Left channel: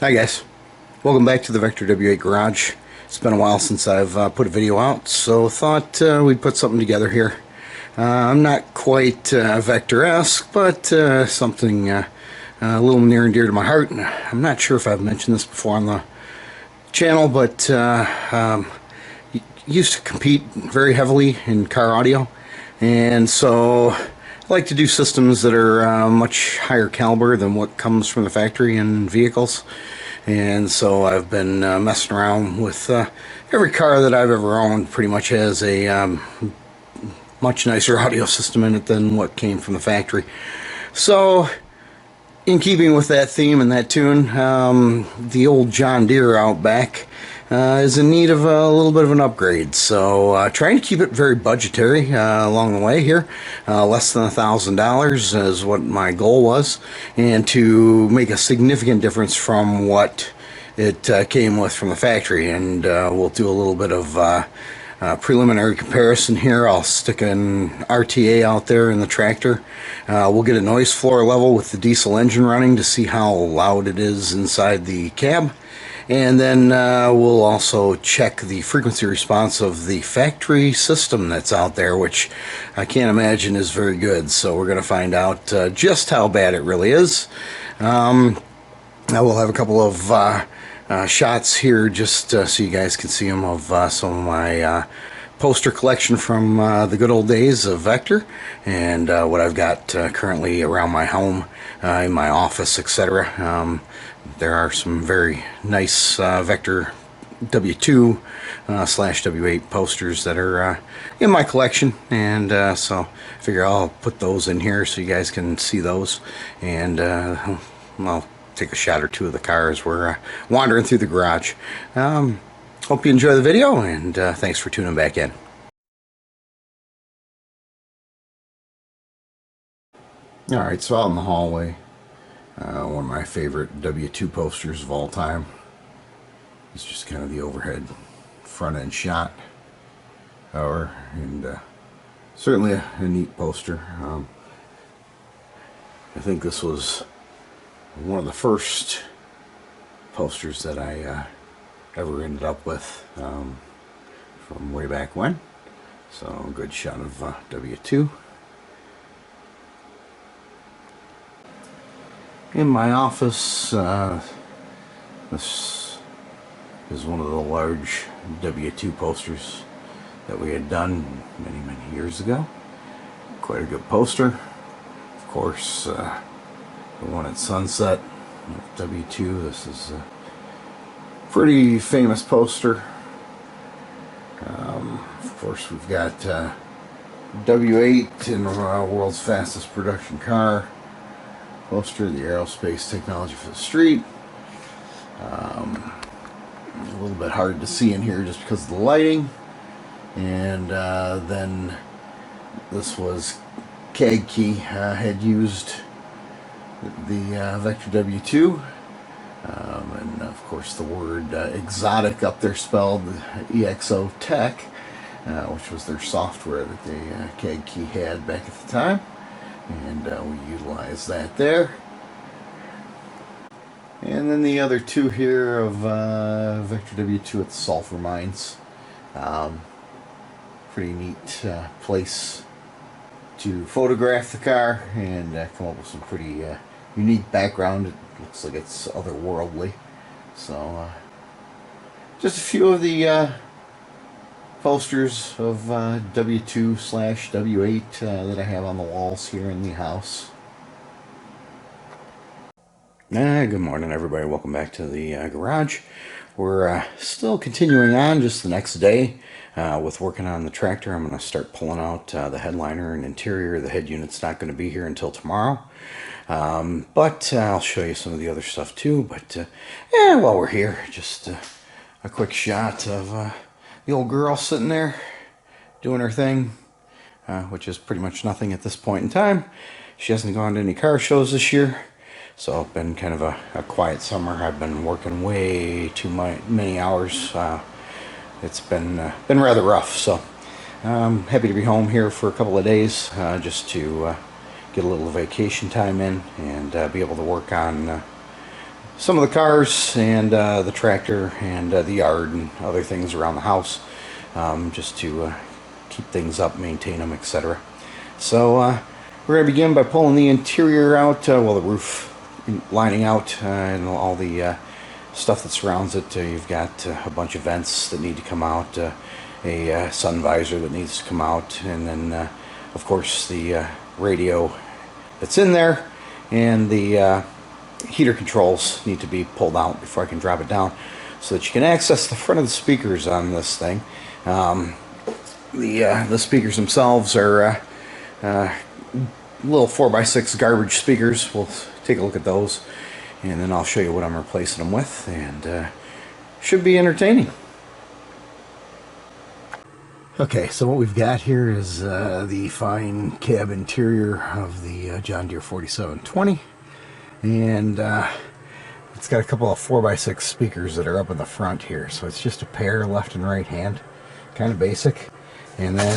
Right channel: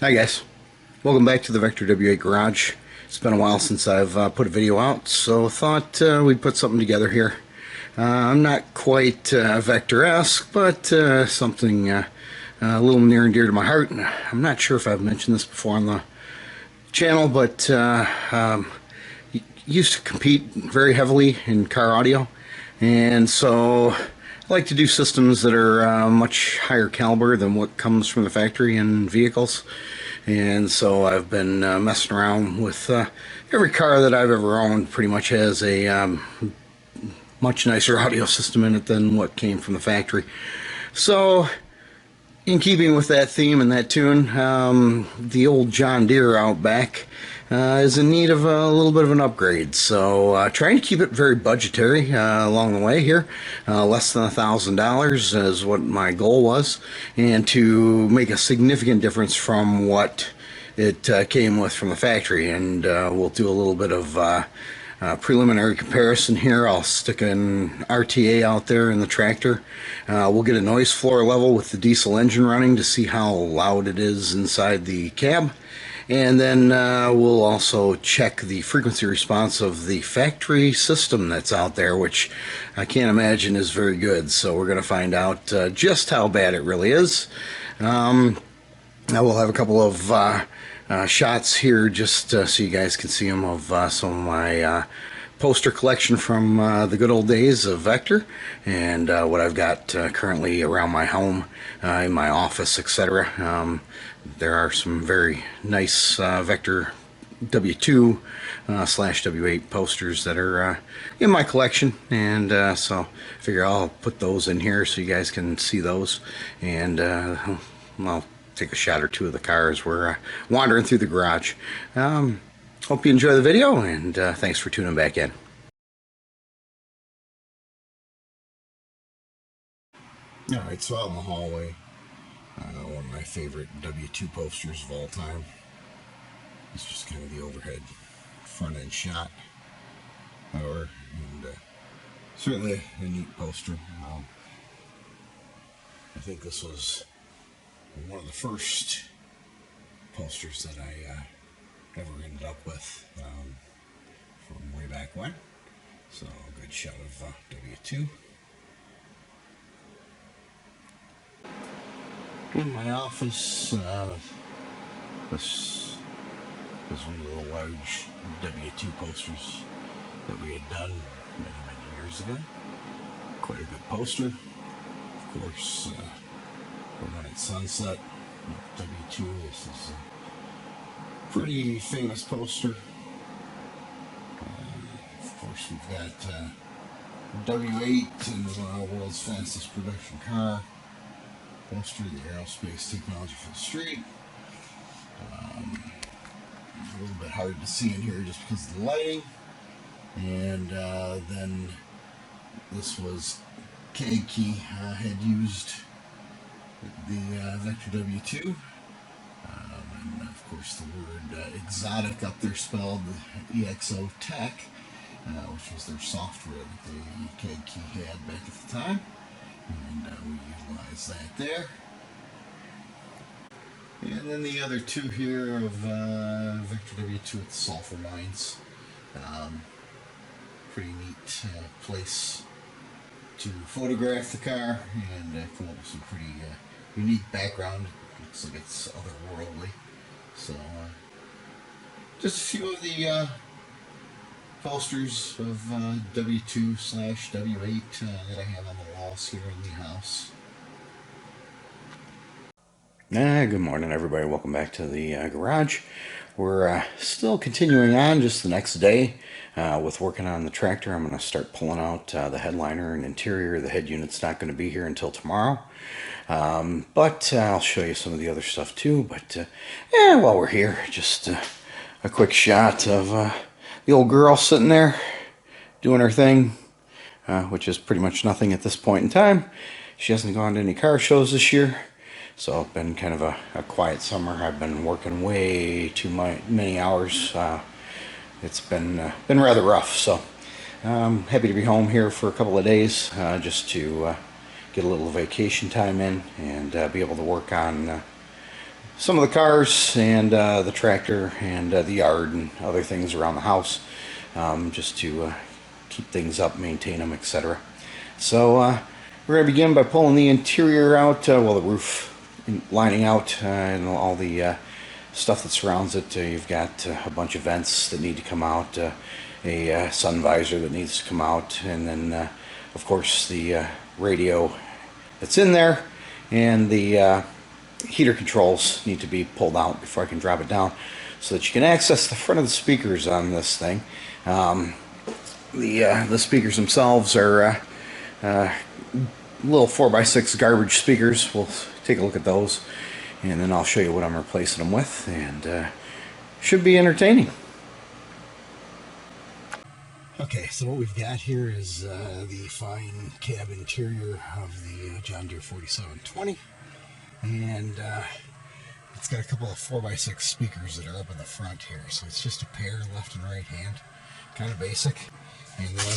Hi guys, welcome back to the Vector W8 Garage. It's been a while since I've put a video out, so thought we'd put something together here. I'm not quite Vector-esque, but something a little near and dear to my heart. And I'm not sure if I've mentioned this before on the channel, but used to compete very heavily in car audio, and so I like to do systems that are much higher caliber than what comes from the factory in vehicles. And so I've been messing around with every car that I've ever owned. Pretty much has a much nicer audio system in it than what came from the factory. So in keeping with that theme and that tune, the old John Deere out back is in need of a little bit of an upgrade. So trying to keep it very budgetary along the way here. Less than $1,000 is what my goal was, and to make a significant difference from what it came with from the factory. And we'll do a little bit of preliminary comparison here. I'll stick an RTA out there in the tractor. We'll get a noise floor level with the diesel engine running to see how loud it is inside the cab. And then we'll also check the frequency response of the factory system that's out there, which I can't imagine is very good. So we're going to find out just how bad it really is. I will have a couple of shots here just so you guys can see them of some of my poster collection from the good old days of Vector, and what I've got currently around my home, in my office, etc. There are some very nice Vector W2 slash W8 posters that are in my collection, and so I figure I'll put those in here so you guys can see those, and I'll take a shot or two of the car as we're wandering through the garage. Hope you enjoy the video, and thanks for tuning back in. Alright, so out in the hallway, one of my favorite W2 posters of all time. It's just kind of the overhead front end shot. And certainly a neat poster. I think this was one of the first posters that I ever ended up with from way back when. So a good shot of W2. In my office, this is one of the large W2 posters that we had done many years ago. Quite a good poster. Of course, the one at Sunset, W2. This is a pretty famous poster. Of course, we've got W8 in world's fastest production car poster, the aerospace technology for the street. A little bit hard to see in here just because of the lighting. And then this was Key had used the Vector W2, and of course the word exotic up there spelled EXO Tech, which was their software that they Key had back at the time, and we utilized that there. And then the other two here of Vector W2 at the sulfur mines. Pretty neat place to photograph the car and come up with some pretty unique background. It looks like it's otherworldly. So just a few of the posters of W2 slash W8 that I have on the walls here in the house. Good morning, everybody. Welcome back to the garage. We're still continuing on just the next day with working on the tractor. I'm going to start pulling out the headliner and interior. The head unit's not going to be here until tomorrow. But I'll show you some of the other stuff too. But yeah, while we're here, just a quick shot of the old girl sitting there doing her thing, which is pretty much nothing at this point in time. She hasn't gone to any car shows this year. So it's been kind of a quiet summer. I've been working way too many hours. It's been rather rough. So I'm happy to be home here for a couple of days just to get a little vacation time in and be able to work on some of the cars and the tractor and the yard and other things around the house, just to keep things up, maintain them, etc. So we're going to begin by pulling the interior out, well, the roof lining out, and all the stuff that surrounds it. You've got a bunch of vents that need to come out, a sun visor that needs to come out, and then of course the radio that's in there, and the heater controls need to be pulled out before I can drop it down so that you can access the front of the speakers on this thing. The speakers themselves are little 4x6 garbage speakers. We'll take a look at those, and then I'll show you what I'm replacing them with, and should be entertaining. Okay, so what we've got here is the fine cab interior of the John Deere 4720, and it's got a couple of 4x6 speakers that are up in the front here, so it's just a pair left and right hand, kind of basic. And then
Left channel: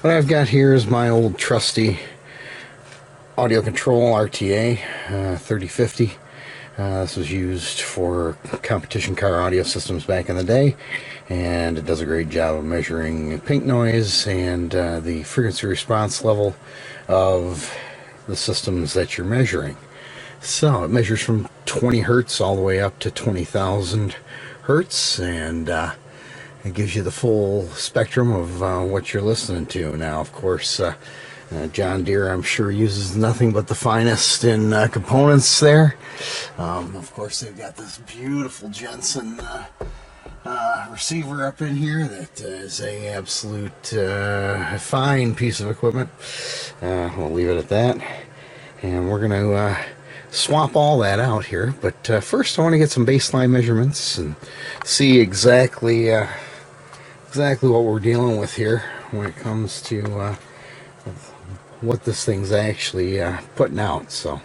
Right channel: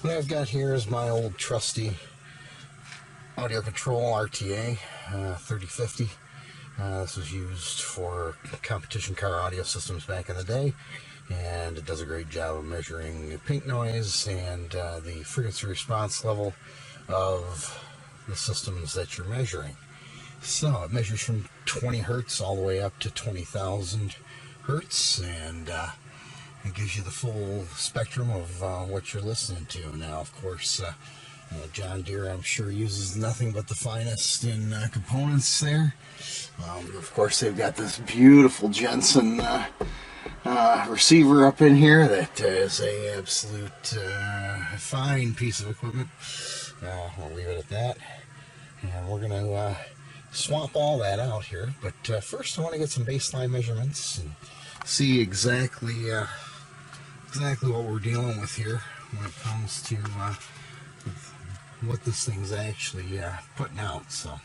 what I've got here is my old trusty audio control RTA 3050. This was used for competition car audio systems back in the day, and it does a great job of measuring pink noise and the frequency response level of the systems that you're measuring. So it measures from 20 hertz all the way up to 20,000 hertz, and it gives you the full spectrum of what you're listening to. Now, of course, John Deere, I'm sure, uses nothing but the finest in components there. Of course, they've got this beautiful Jensen receiver up in here that is a absolute fine piece of equipment. We'll leave it at that, and we're going to swap all that out here. But first, I want to get some baseline measurements and see exactly what we're dealing with here when it comes to what this thing's actually putting out. So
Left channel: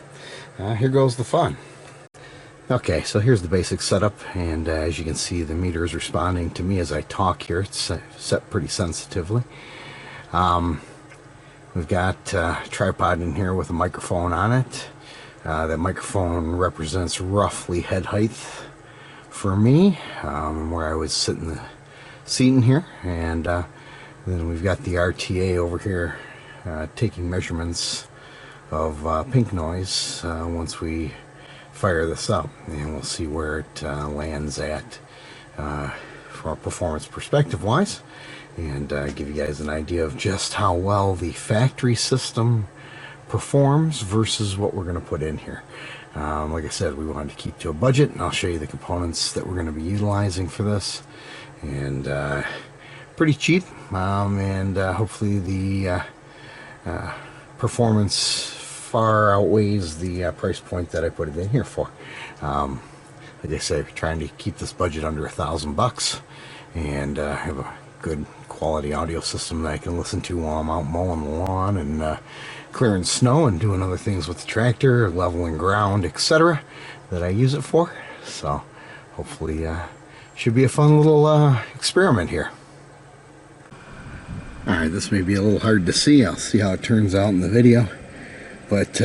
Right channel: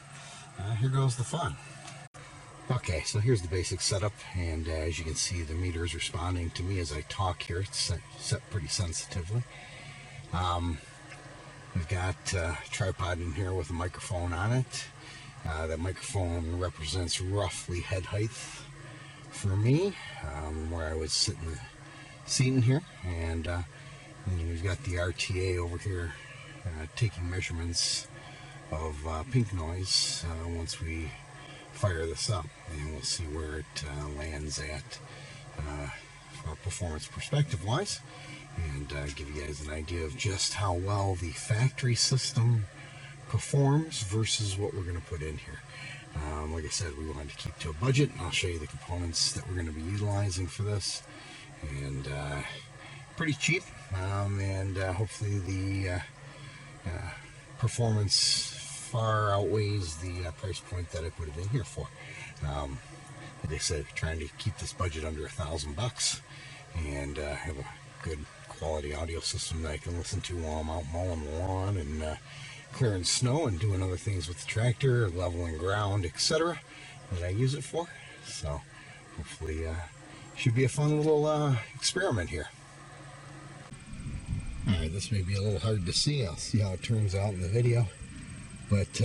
here goes the fun. Okay, so here's the basic setup, and as you can see, the meter is responding to me as I talk here. It's set pretty sensitively. We've got a tripod in here with a microphone on it. That microphone represents roughly head height for me, where I would sit in the seat in here, and then we've got the RTA over here taking measurements of pink noise once we fire this up, and we'll see where it lands at from a performance perspective wise, and give you guys an idea of just how well the factory system performs versus what we're going to put in here. Like I said, we wanted to keep to a budget, and I'll show you the components that we're going to be utilizing for this, and pretty cheap, and hopefully the performance far outweighs the price point that I put it in here for. Like I said, trying to keep this budget under $1,000 and have a good quality audio system that I can listen to while I'm out mowing the lawn and clearing snow and doing other things with the tractor, leveling ground, etc. that I use it for. So hopefully should be a fun little experiment here. Alright, this may be a little hard to see. I'll see how it turns out in the video. But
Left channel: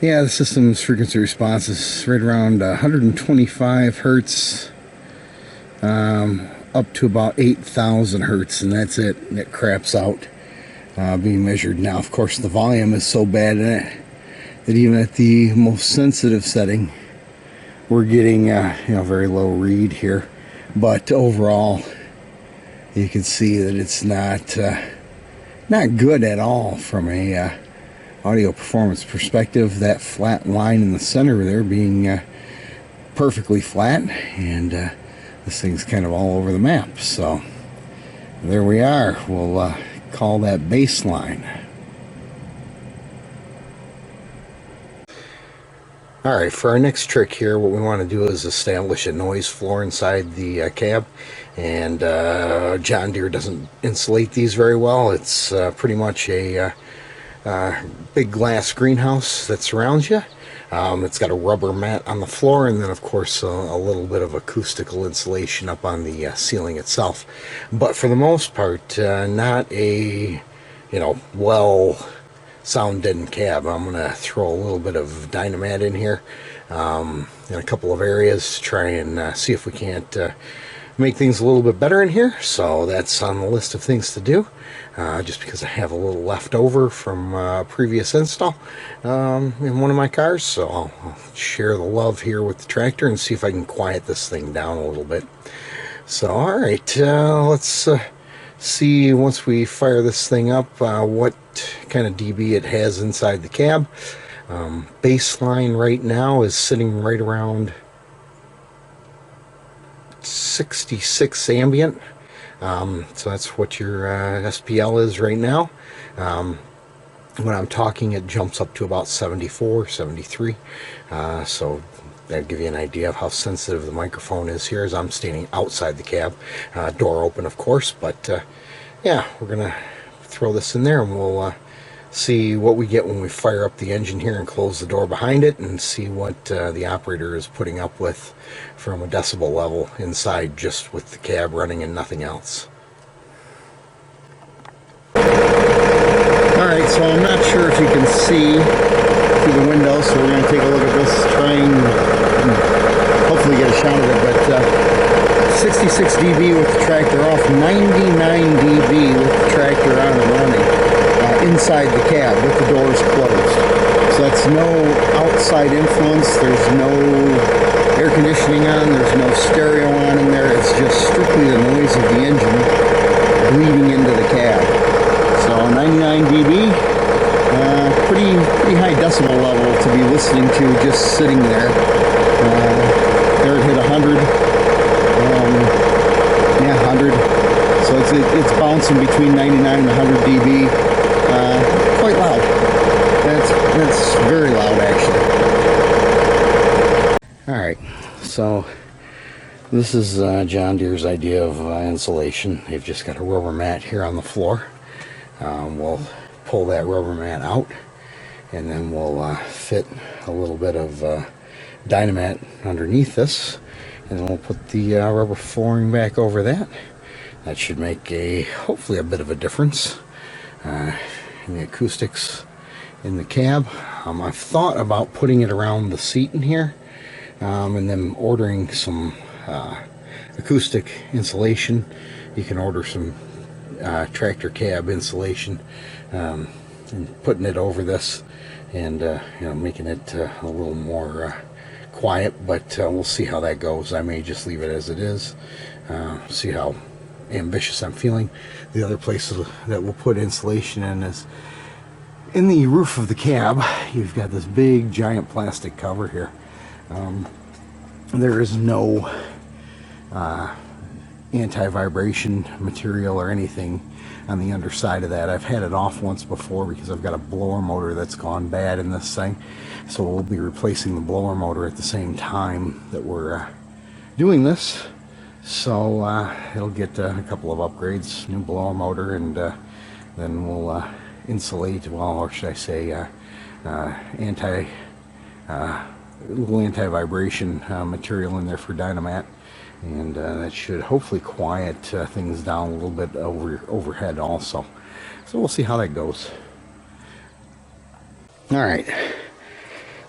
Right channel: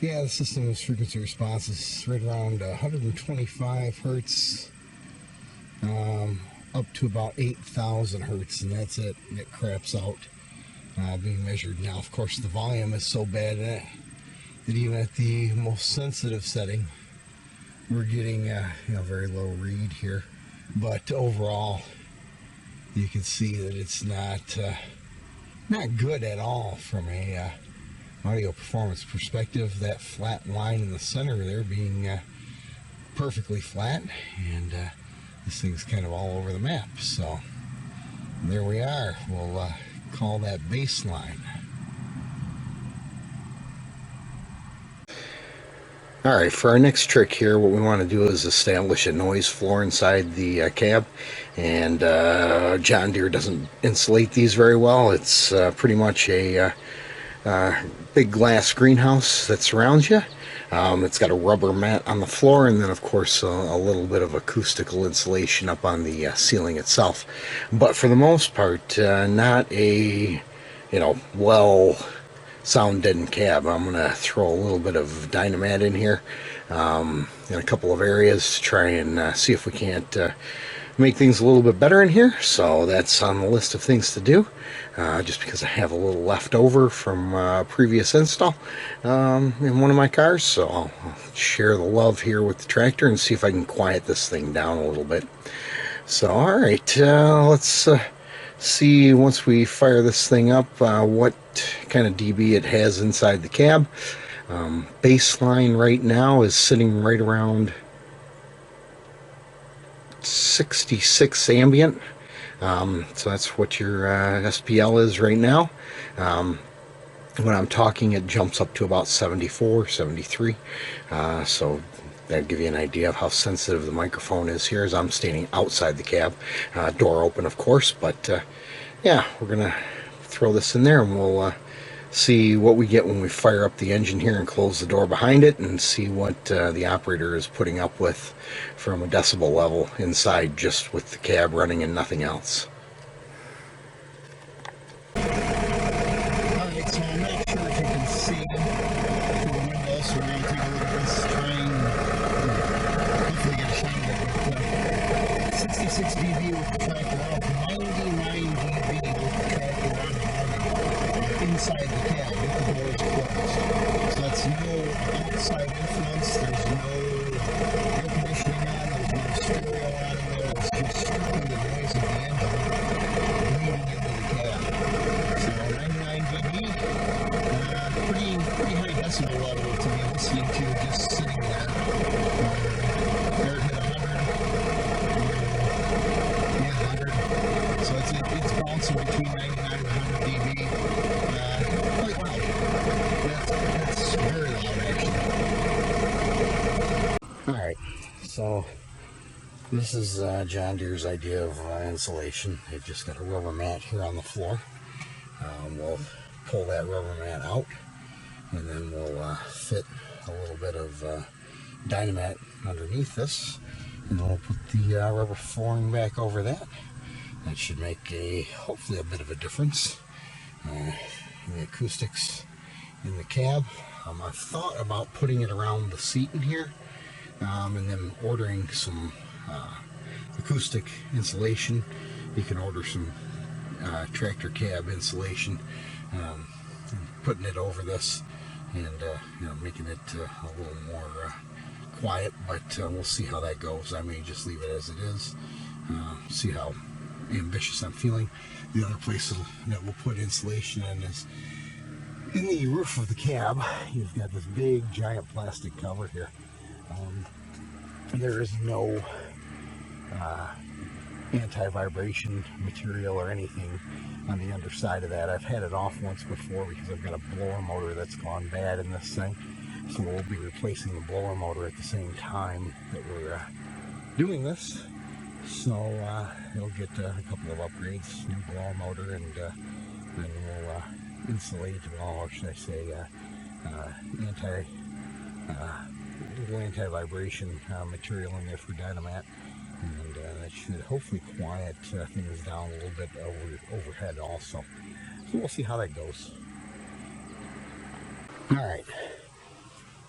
yeah, the system's frequency response is right around 125 hertz up to about 8,000 hertz, and that's it. And it craps out being measured. Now, of course, the volume is so bad in it that even at the most sensitive setting, we're getting very low read here. But overall, you can see that it's not good at all from a audio performance perspective. That flat line in the center there being perfectly flat, and this thing's kind of all over the map. So there we are. We'll call that baseline. Alright, for our next trick here, what we want to do is establish a noise floor inside the cab. And John Deere doesn't insulate these very well. It's pretty much a big glass greenhouse that surrounds you. It's got a rubber mat on the floor, and then of course a little bit of acoustical insulation up on the ceiling itself. But for the most part, not a well sound deadened cab. I'm going to throw a little bit of Dynamat in here in a couple of areas to try and see if we can't make things a little bit better in here. So that's on the list of things to do, just because I have a little left over from previous install in one of my cars. So I'll share the love here with the tractor and see if I can quiet this thing down a little bit. So alright, let's see, once we fire this thing up, what kind of dB it has inside the cab. Baseline right now is sitting right around 66 ambient. So that's what your SPL is right now. When I'm talking, it jumps up to about 74, 73. So that'll give you an idea of how sensitive the microphone is here as I'm standing outside the cab. Door open, of course, but yeah, we're gonna throw this in there and we'll see what we get when we fire up the engine here and close the door behind it, and see what the operator is putting up with from a decibel level inside, just with the cab running and nothing else. Alright, so I'm not sure if you can see through the window, so we're going to take a look at this, try and hopefully get a shot of it, but 66 dB with the tractor off, 99 dB with the tractor on and running inside the cab with the doors closed. So that's no outside influence, there's no air conditioning on, there's no stereo on in there, it's just strictly the noise of the engine bleeding into the cab. So 99 dB, pretty high decibel level to be listening to just sitting there. There it hit 100. Yeah, 100. So it's bouncing between 99 and 100 dB. Quite loud. That's very loud, actually. All right. So this is John Deere's idea of insulation. They've just got a rubber mat here on the floor. We'll pull that rubber mat out, and then we'll fit a little bit of Dynamat underneath this, and then we'll put the rubber flooring back over that. That should make hopefully a bit of a difference in the acoustics in the cab. I've thought about putting it around the seat in here, and then ordering some acoustic insulation. You can order some tractor cab insulation, and putting it over this, and making it a little more quiet, but we'll see how that goes. I may just leave it as it is, see how ambitious I'm feeling. The other place that we'll put insulation in is in the roof of the cab. You've got this big giant plastic cover here. There is no anti-vibration material or anything on the underside of that. I've had it off once before because I've got a blower motor that's gone bad in this thing, so we'll be replacing the blower motor at the same time that we're doing this. So it'll get a couple of upgrades, new blower motor, and then we'll insulate, well, or should I say little anti-vibration material in there for Dynamat, and that should hopefully quiet things down a little bit overhead also. So we'll see how that goes. Alright,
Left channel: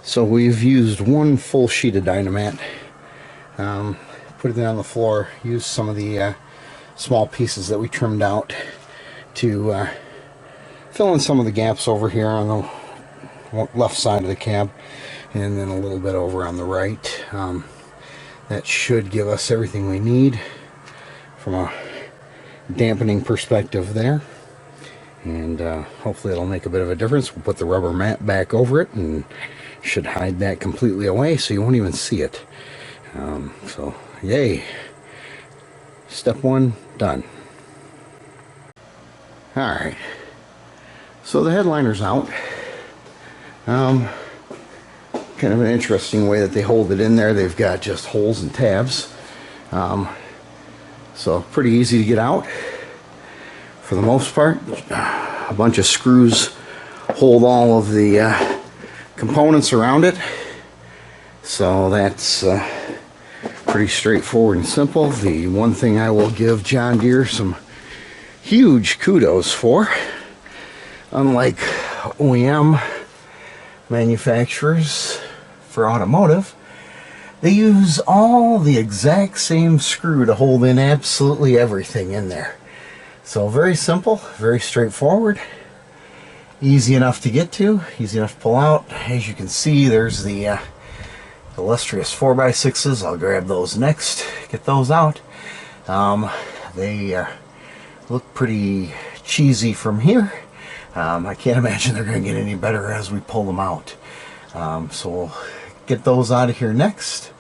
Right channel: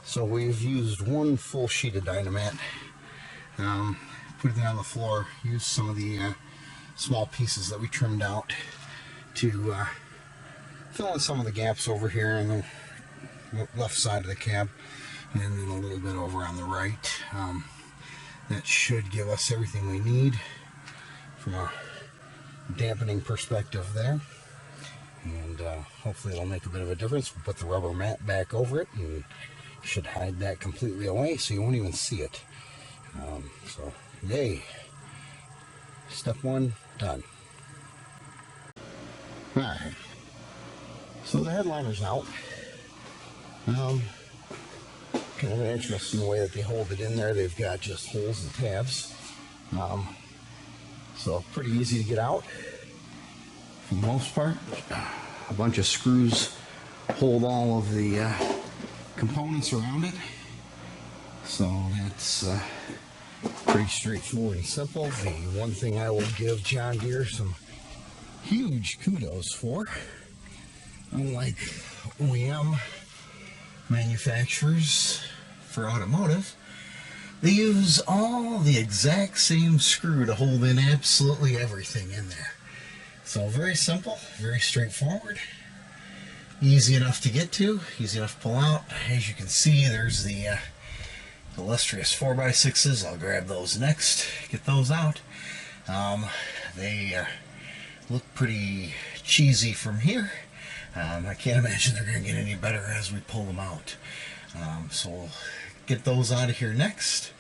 so we've used one full sheet of Dynamat, put it down on the floor, used some of the small pieces that we trimmed out to fill in some of the gaps over here on the left side of the cab, and then a little bit over on the right. That should give us everything we need from a dampening perspective there, and hopefully it'll make a bit of a difference. We'll put the rubber mat back over it and should hide that completely away so you won't even see it. So yay, step one done. Alright, so the headliner's out. Kind of an interesting way that they hold it in there. They've got just holes and tabs, so pretty easy to get out for the most part. A bunch of screws hold all of the components around it, so that's pretty straightforward and simple. The one thing I will give John Deere some huge kudos for, unlike OEM manufacturers for automotive, they use all the exact same screw to hold in absolutely everything in there. So very simple, very straightforward, easy enough to get to, easy enough to pull out. As you can see, there's the illustrious 4x6s. I'll grab those next, get those out. They look pretty cheesy from here. I can't imagine they're going to get any better as we pull them out. So we'll get those out of here next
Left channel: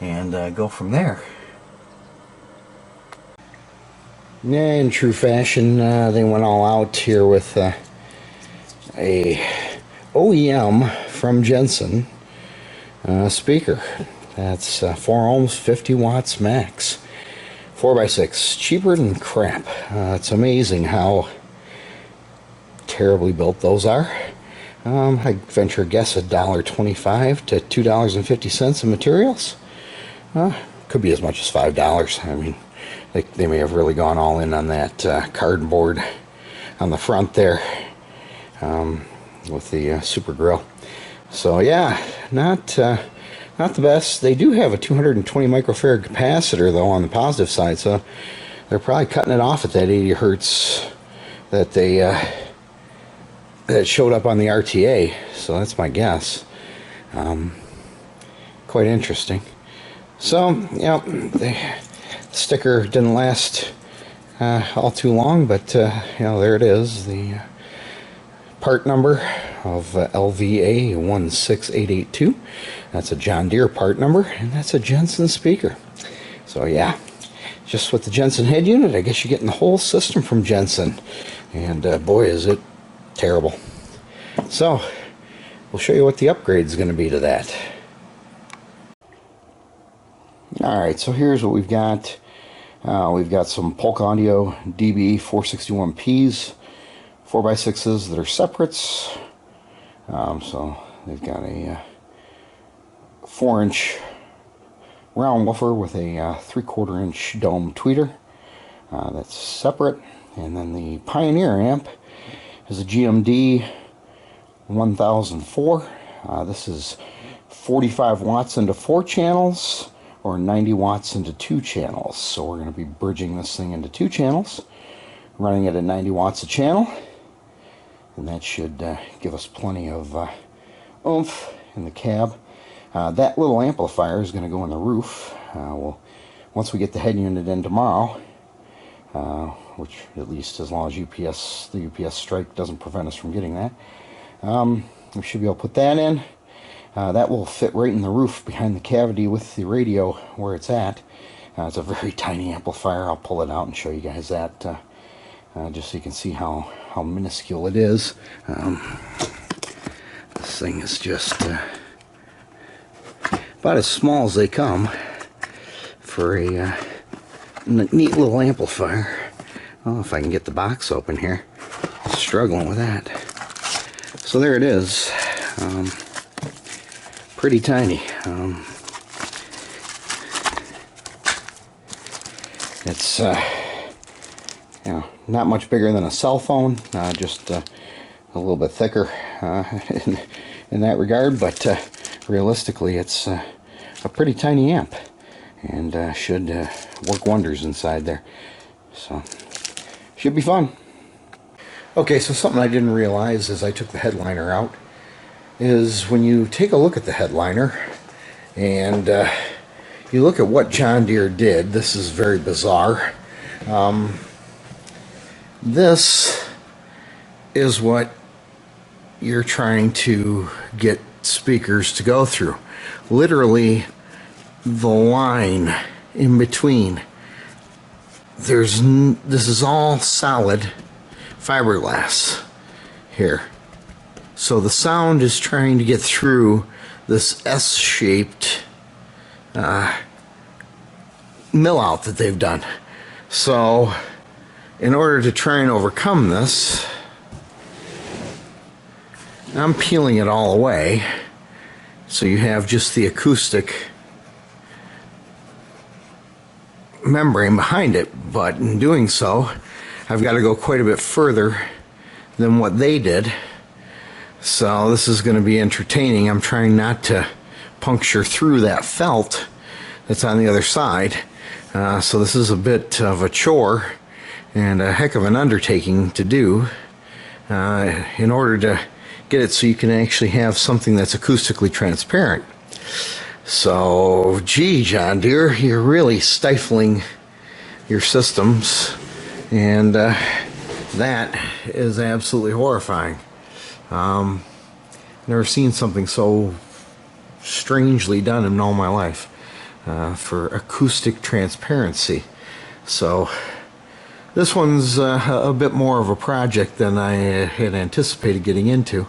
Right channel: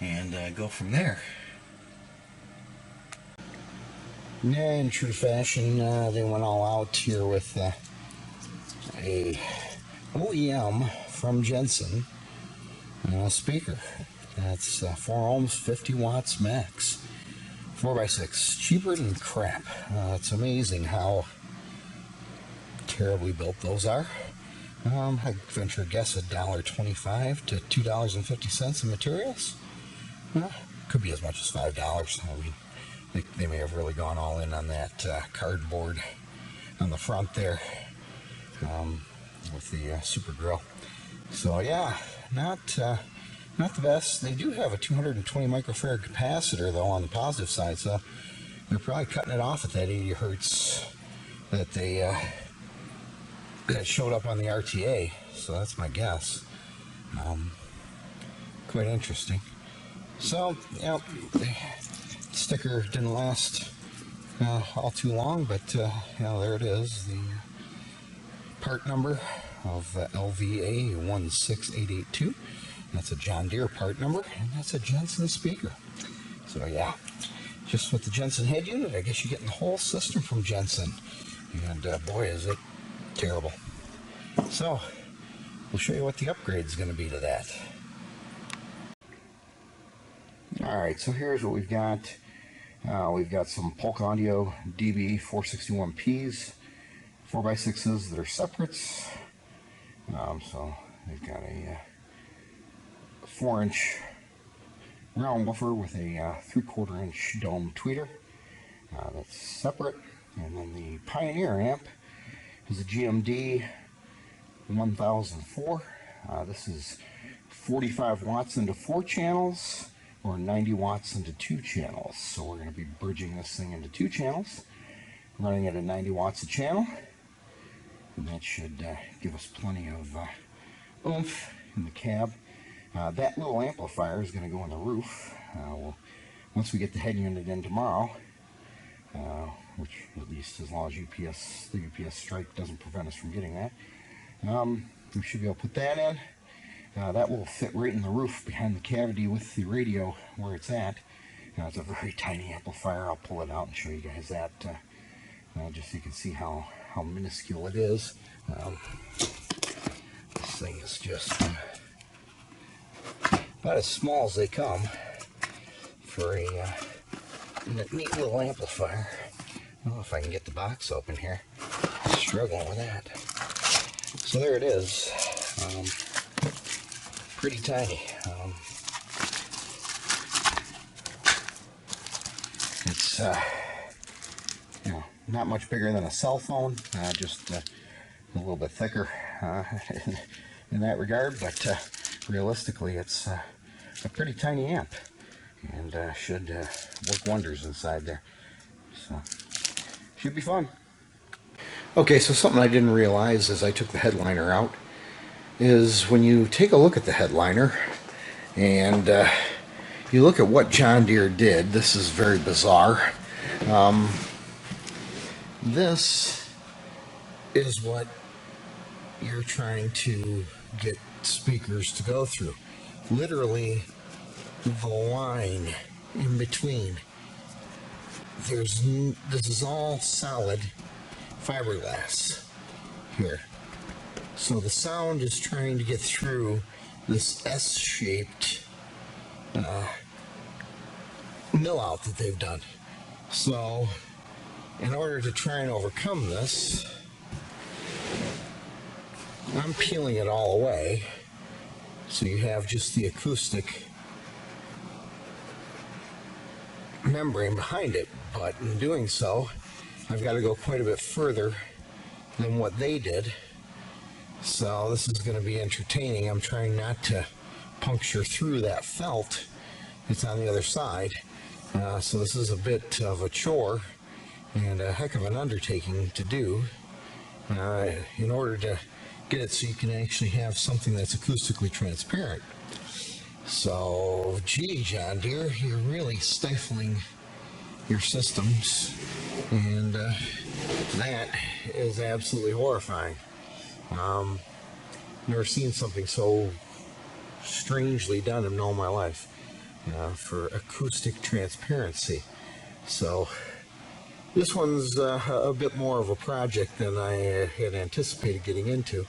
and go from there. In true fashion, they went all out here with a OEM from Jensen speaker. That's 4 ohms, 50 watts max, 4x6, cheaper than crap. It's amazing how terribly built those are. I venture a guess $1.25 to $2.50 in materials. Could be as much as $5. I mean, they may have really gone all in on that cardboard on the front there with the super grill. So yeah, not the best. They do have a 220 microfarad capacitor though on the positive side, so they're probably cutting it off at that 80 hertz that they that showed up on the RTA. So that's my guess. Quite interesting. So yeah, the sticker didn't last all too long, but you know, there it is, the part number of LVA 16882. That's a John Deere part number, and that's a Jensen speaker. So yeah, just with the Jensen head unit, I guess you're getting the whole system from Jensen, and boy is it terrible. So we'll show you what the upgrade is going to be to that. Alright, so here's what we've got. We've got some Polk Audio DB 461Ps, 4x6s that are separates. So they've got a 4-inch round woofer with a 3/4 inch dome tweeter. That's separate. And then the Pioneer amp is a GMD 1004. This is 45 watts into 4 channels, or 90 watts into 2 channels. So we're going to be bridging this thing into 2 channels, running it at 90 watts a channel, and that should give us plenty of oomph in the cab. That little amplifier is going to go in the roof. Once we get the head unit in tomorrow, which at least as long as the UPS strike doesn't prevent us from getting that, we should be able to put that in. That will fit right in the roof behind the cavity with the radio where it's at. It's a very tiny amplifier. I'll pull it out and show you guys that just so you can see how minuscule it is. This thing is just about as small as they come for a neat little amplifier. Well, if I can get the box open here. Struggling with that. So there it is. Pretty tiny. It's you know, not much bigger than a cell phone, just a little bit thicker in that regard, but realistically it's a pretty tiny amp, and should work wonders inside there. So should be fun. Okay, so something I didn't realize as I took the headliner out is when you take a look at the headliner and you look at what John Deere did, this is very bizarre. This is what you're trying to get speakers to go through. Literally the line in between. This is all solid fiberglass here. So the sound is trying to get through this S-shaped mill out that they've done. So in order to try and overcome this, I'm peeling it all away so you have just the acoustic membrane behind it. But in doing so, I've got to go quite a bit further than what they did. So this is going to be entertaining. I'm trying not to puncture through that felt that's on the other side. So this is a bit of a chore and a heck of an undertaking to do in order to get it so you can actually have something that's acoustically transparent. So, gee, John Deere, you're really stifling your systems, and that is absolutely horrifying. Never seen something so strangely done in all my life for acoustic transparency. So this one's a bit more of a project than I had anticipated getting into.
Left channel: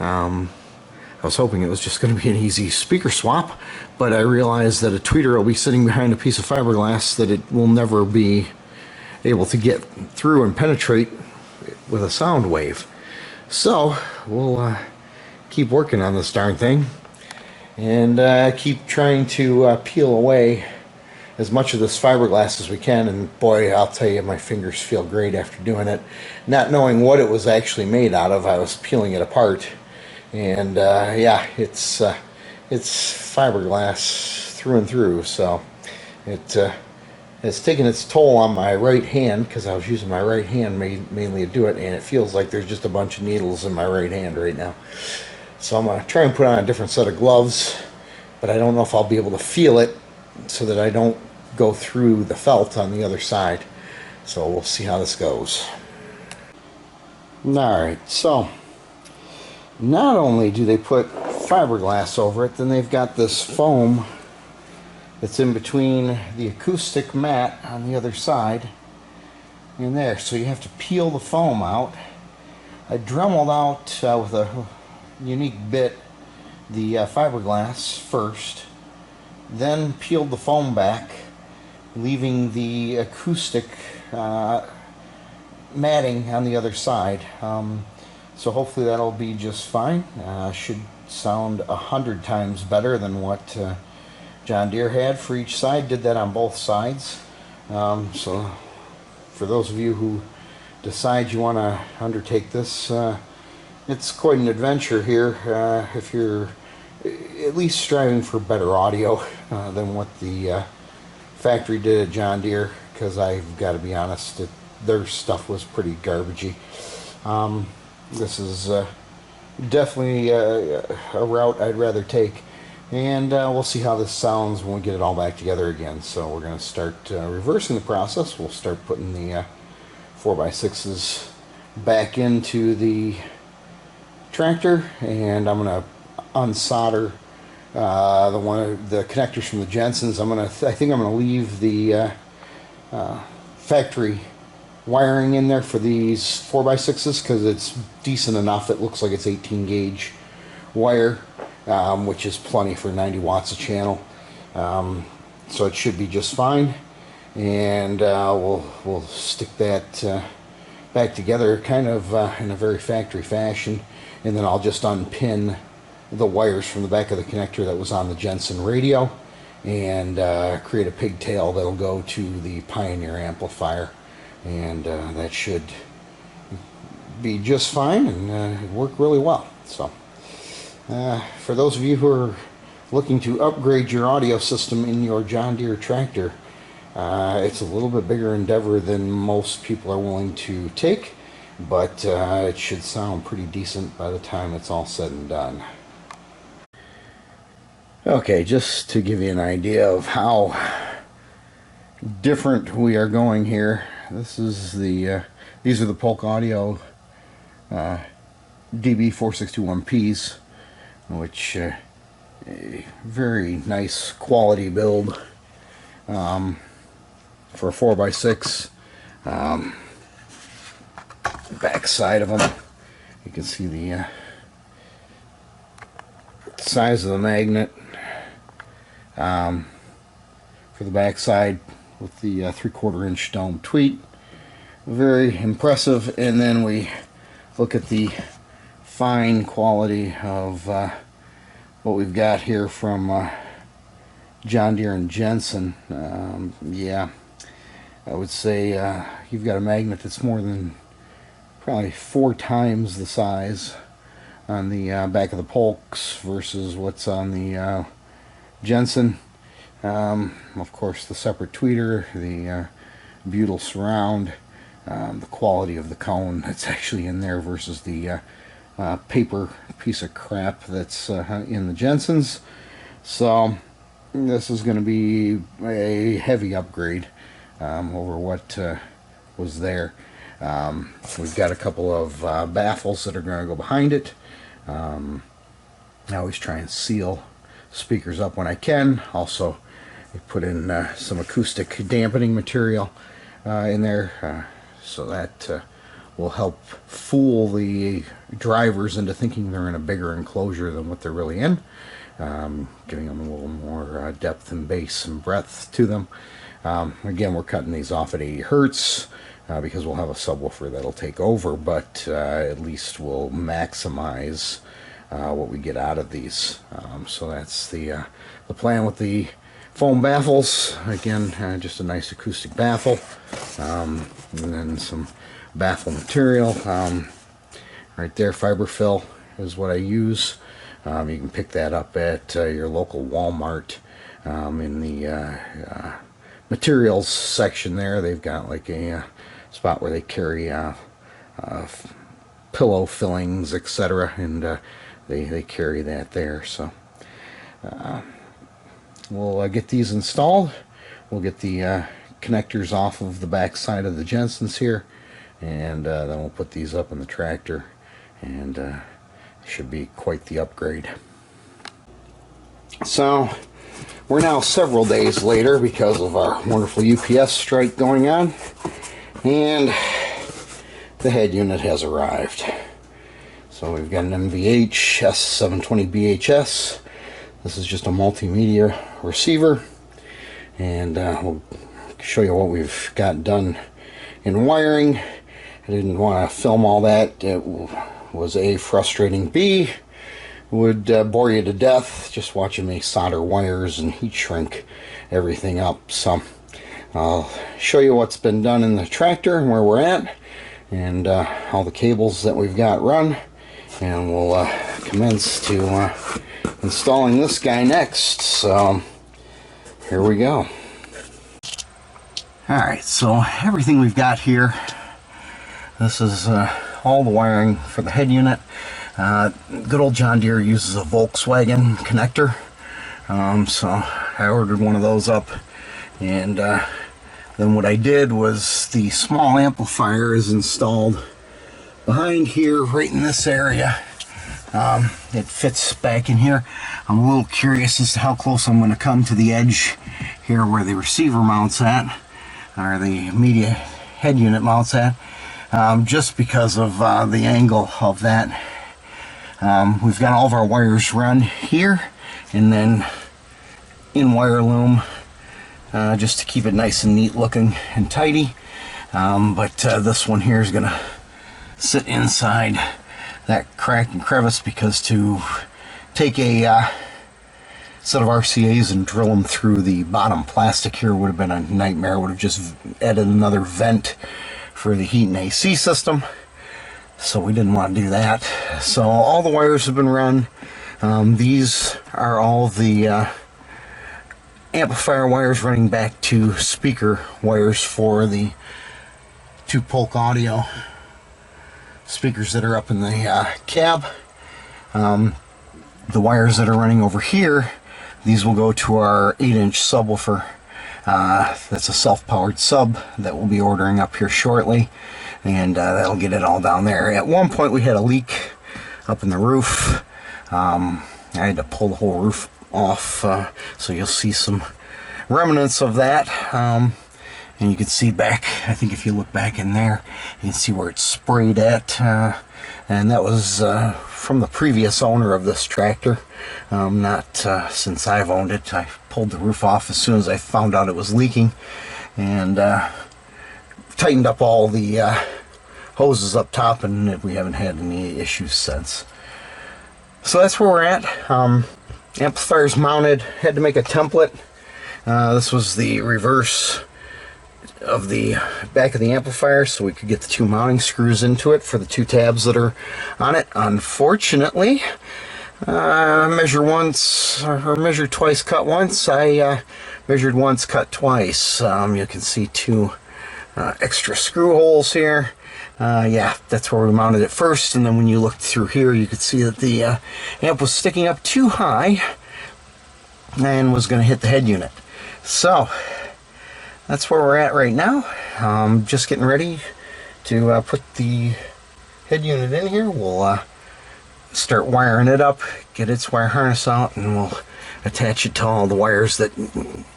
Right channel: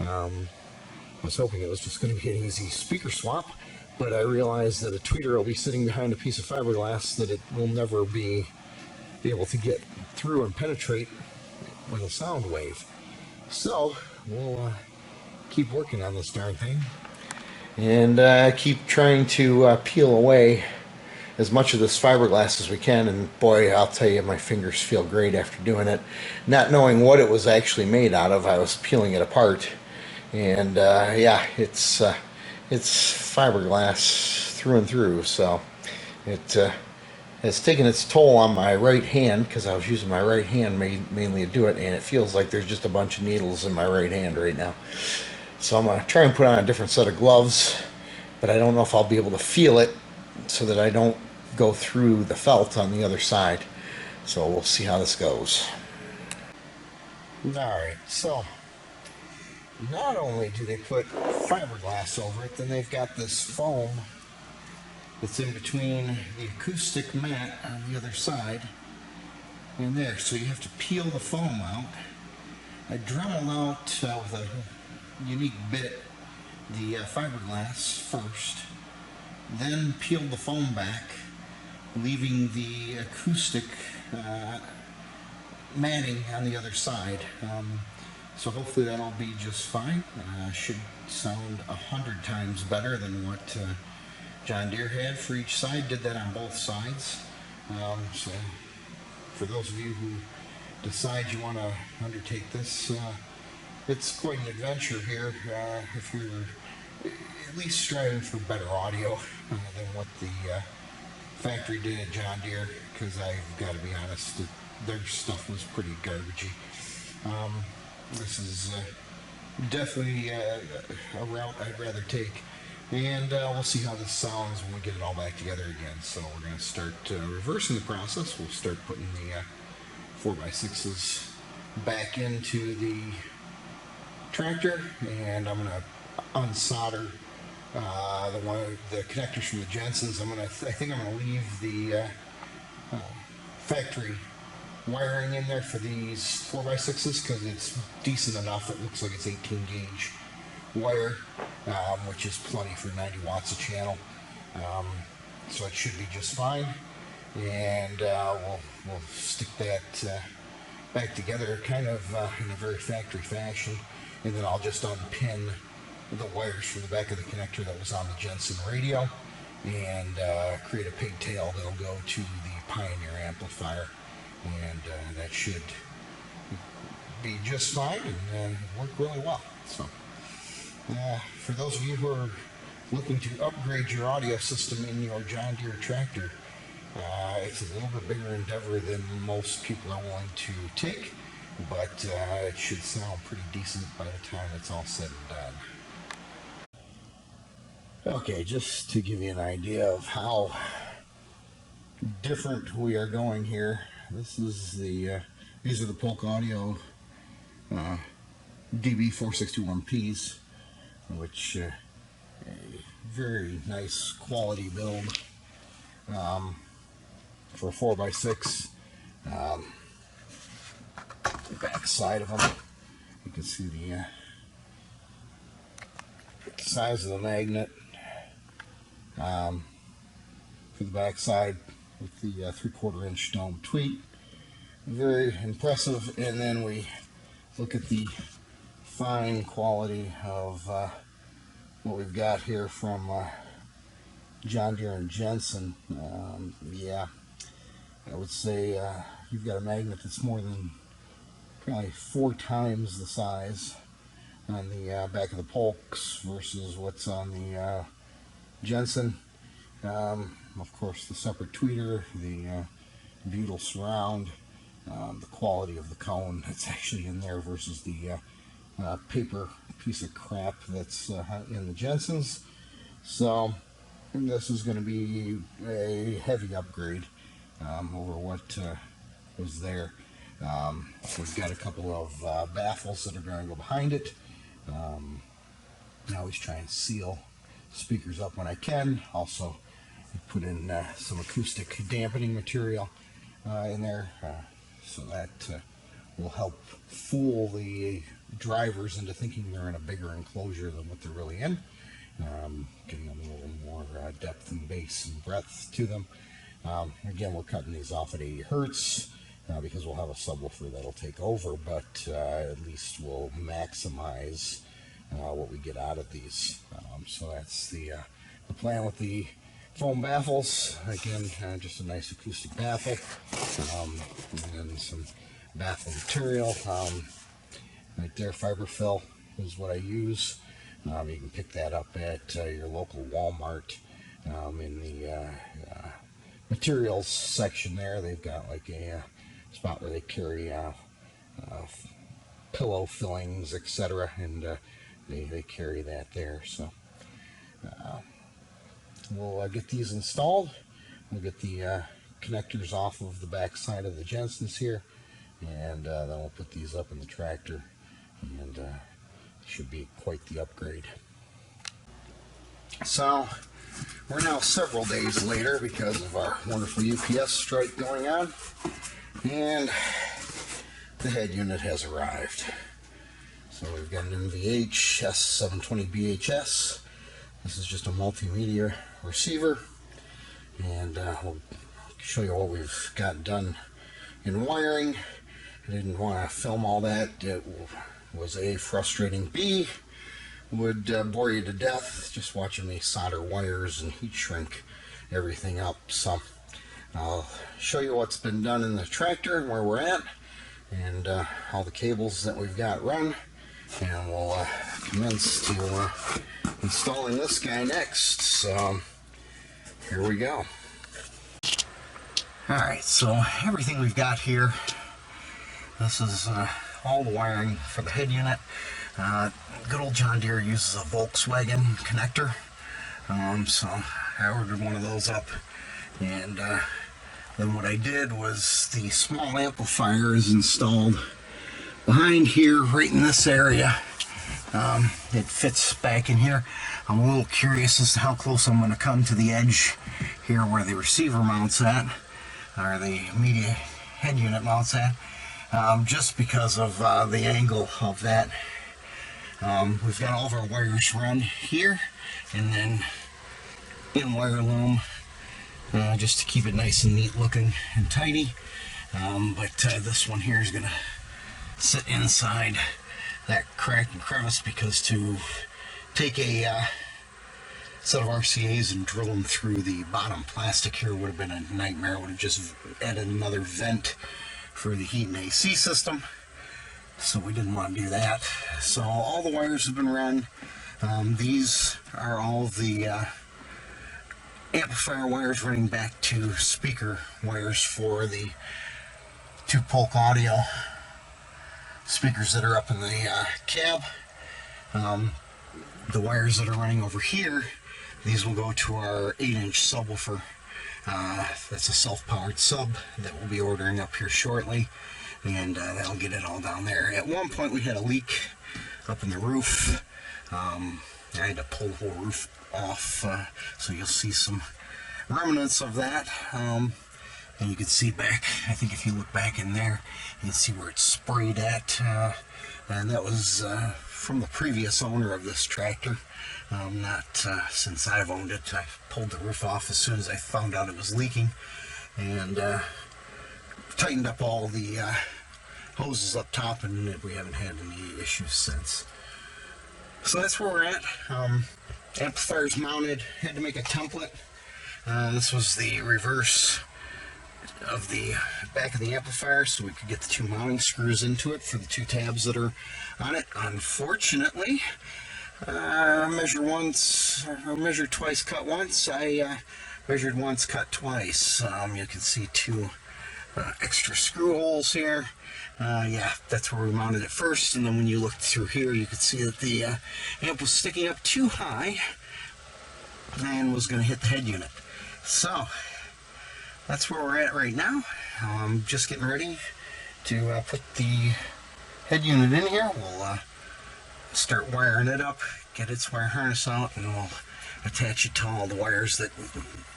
I was hoping it was just going to be an easy speaker swap, but I realized that a tweeter will be sitting behind a piece of fiberglass that it will never be able to get through and penetrate with a sound wave. So we'll keep working on this darn thing and keep trying to peel away as much of this fiberglass as we can. And boy, I'll tell you, my fingers feel great after doing it. Not knowing what it was actually made out of, I was peeling it apart, and yeah, it's fiberglass through and through. So it's taken its toll on my right hand, because I was using my right hand mainly to do it, and it feels like there's just a bunch of needles in my right hand right now. So I'm going to try and put on a different set of gloves, but I don't know if I'll be able to feel it so that I don't go through the felt on the other side. So we'll see how this goes. Alright, so not only do they put fiberglass over it, then they've got this foam that's in between the acoustic mat on the other side and there. So you have to peel the foam out. I dremeled out with a unique bit the fiberglass first, then peeled the foam back, leaving the acoustic matting on the other side. So hopefully that'll be just fine. Should sound 100 times better than what John Deere had for each side. Did that on both sides. So for those of you who decide you want to undertake this, it's quite an adventure here if you're at least striving for better audio than what the factory did at John Deere, because I've got to be honest, their stuff was pretty garbagey. This is definitely a route I'd rather take, and we'll see how this sounds when we get it all back together again. So we're going to start reversing the process. We'll start putting the 4x6s back into the tractor, and I'm going to unsolder the connectors from the Jensens. I think I'm going to leave the factory wiring in there for these 4x6s, because it's decent enough. It looks like it's 18 gauge wire, which is plenty for 90 watts a channel. So it should be just fine, and we'll stick that back together kind of in a very factory fashion, and then I'll just unpin the wires from the back of the connector that was on the Jensen radio and create a pigtail that'll go to the Pioneer amplifier, and that should be just fine and work really well. So for those of you who are looking to upgrade your audio system in your John Deere tractor, it's a little bit bigger endeavor than most people are willing to take, but it should sound pretty decent by the time it's all said and done. Okay, just to give you an idea of how different we are going here, this is these are the Polk Audio DB4621Ps, which a very nice quality build for a 4x6. Back side of them, you can see the size of the magnet for the back side with the 3/4 inch dome tweet. Very impressive. And then we look at the fine quality of what we've got here from John Deere and Jensen. Yeah, I would say you've got a magnet that's more than probably 4 times the size on the back of the Polks versus what's on the Jensen. Of course, the separate tweeter, the butyl surround, the quality of the cone that's actually in there versus the paper piece of crap that's in the Jensens. So this is going to be a heavy upgrade over what was there. We've got a couple of baffles that are going to go behind it. I always try and seal speakers up when I can. Also, I put in some acoustic dampening material in there, so that will help fool the drivers into thinking they're in a bigger enclosure than what they're really in, giving them a little more depth and bass and breadth to them. Again, we're cutting these off at 80 hertz because we'll have a subwoofer that'll take over, but at least we'll maximize what we get out of these. So that's the plan with the foam baffles. Again, just a nice acoustic baffle, and then some baffle material. Right there, fiberfill is what I use. You can pick that up at your local Walmart in the materials section there. They've got like a spot where they carry pillow fillings, etc., and they carry that there. So we'll get these installed. We'll get the connectors off of the back side of the Jensens here, and then we'll put these up in the tractor, and should be quite the upgrade. So we're now several days later because of our wonderful UPS strike going on, and the head unit has arrived. So we've got an MVH S720 BHS. This is just a multimedia receiver, and we'll show you what we've got done in wiring. I didn't want to film all that. It was A, frustrating, B, would bore you to death just watching me solder wires and heat shrink everything up. So I'll show you what's been done in the tractor and where we're at, and all the cables that we've got run, and we'll commence to installing this guy next. So here we go. Alright, so everything we've got here, this is all the wiring for the head unit. Good old John Deere uses a Volkswagen connector, so I ordered one of those up, and then what I did was the small amplifier is installed behind here, right in this area. It fits back in here. I'm a little curious as to how close I'm going to come to the edge here where the receiver mounts at, or the media head unit mounts at, just because of the angle of that. We've got all of our wires run here, and then in wire loom, just to keep it nice and neat looking and tidy. But this one here is going to sit inside that crack and crevice, because to take a set of RCAs and drill them through the bottom plastic here would have been a nightmare. Would have just added another vent for the heat and AC system, so we didn't want to do that. So all the wires have been run. These are all the amplifier wires running back to speaker wires for the 2 Polk audio speakers that are up in the cab. The wires that are running over here, these will go to our 8-inch subwoofer. That's a self-powered sub that we'll be ordering up here shortly, and that'll get it all down there. At one point we had a leak up in the roof. I had to pull the whole roof off, so you'll see some remnants of that. And you can see back, I think if you look back in there, you can see where it's sprayed at, and that was from the previous owner of this tractor, not since I've owned it. I pulled the roof off as soon as I found out it was leaking, and tightened up all the hoses up top, and we haven't had any issues since. So that's where we're at. Amplifier's mounted. Had to make a template. This was the reverse of the back of the amplifier so we could get the 2 mounting screws into it for the 2 tabs that are on it. Unfortunately, measure once or measure twice, cut once. I measured once, cut twice. You can see 2 extra screw holes here. Yeah, that's where we mounted it first, and then when you looked through here you could see that the amp was sticking up too high and was going to hit the head unit. So that's where we're at right now. Just getting ready to put the head unit in here. We'll start wiring it up, get its wire harness out, and we'll attach it to all the wires that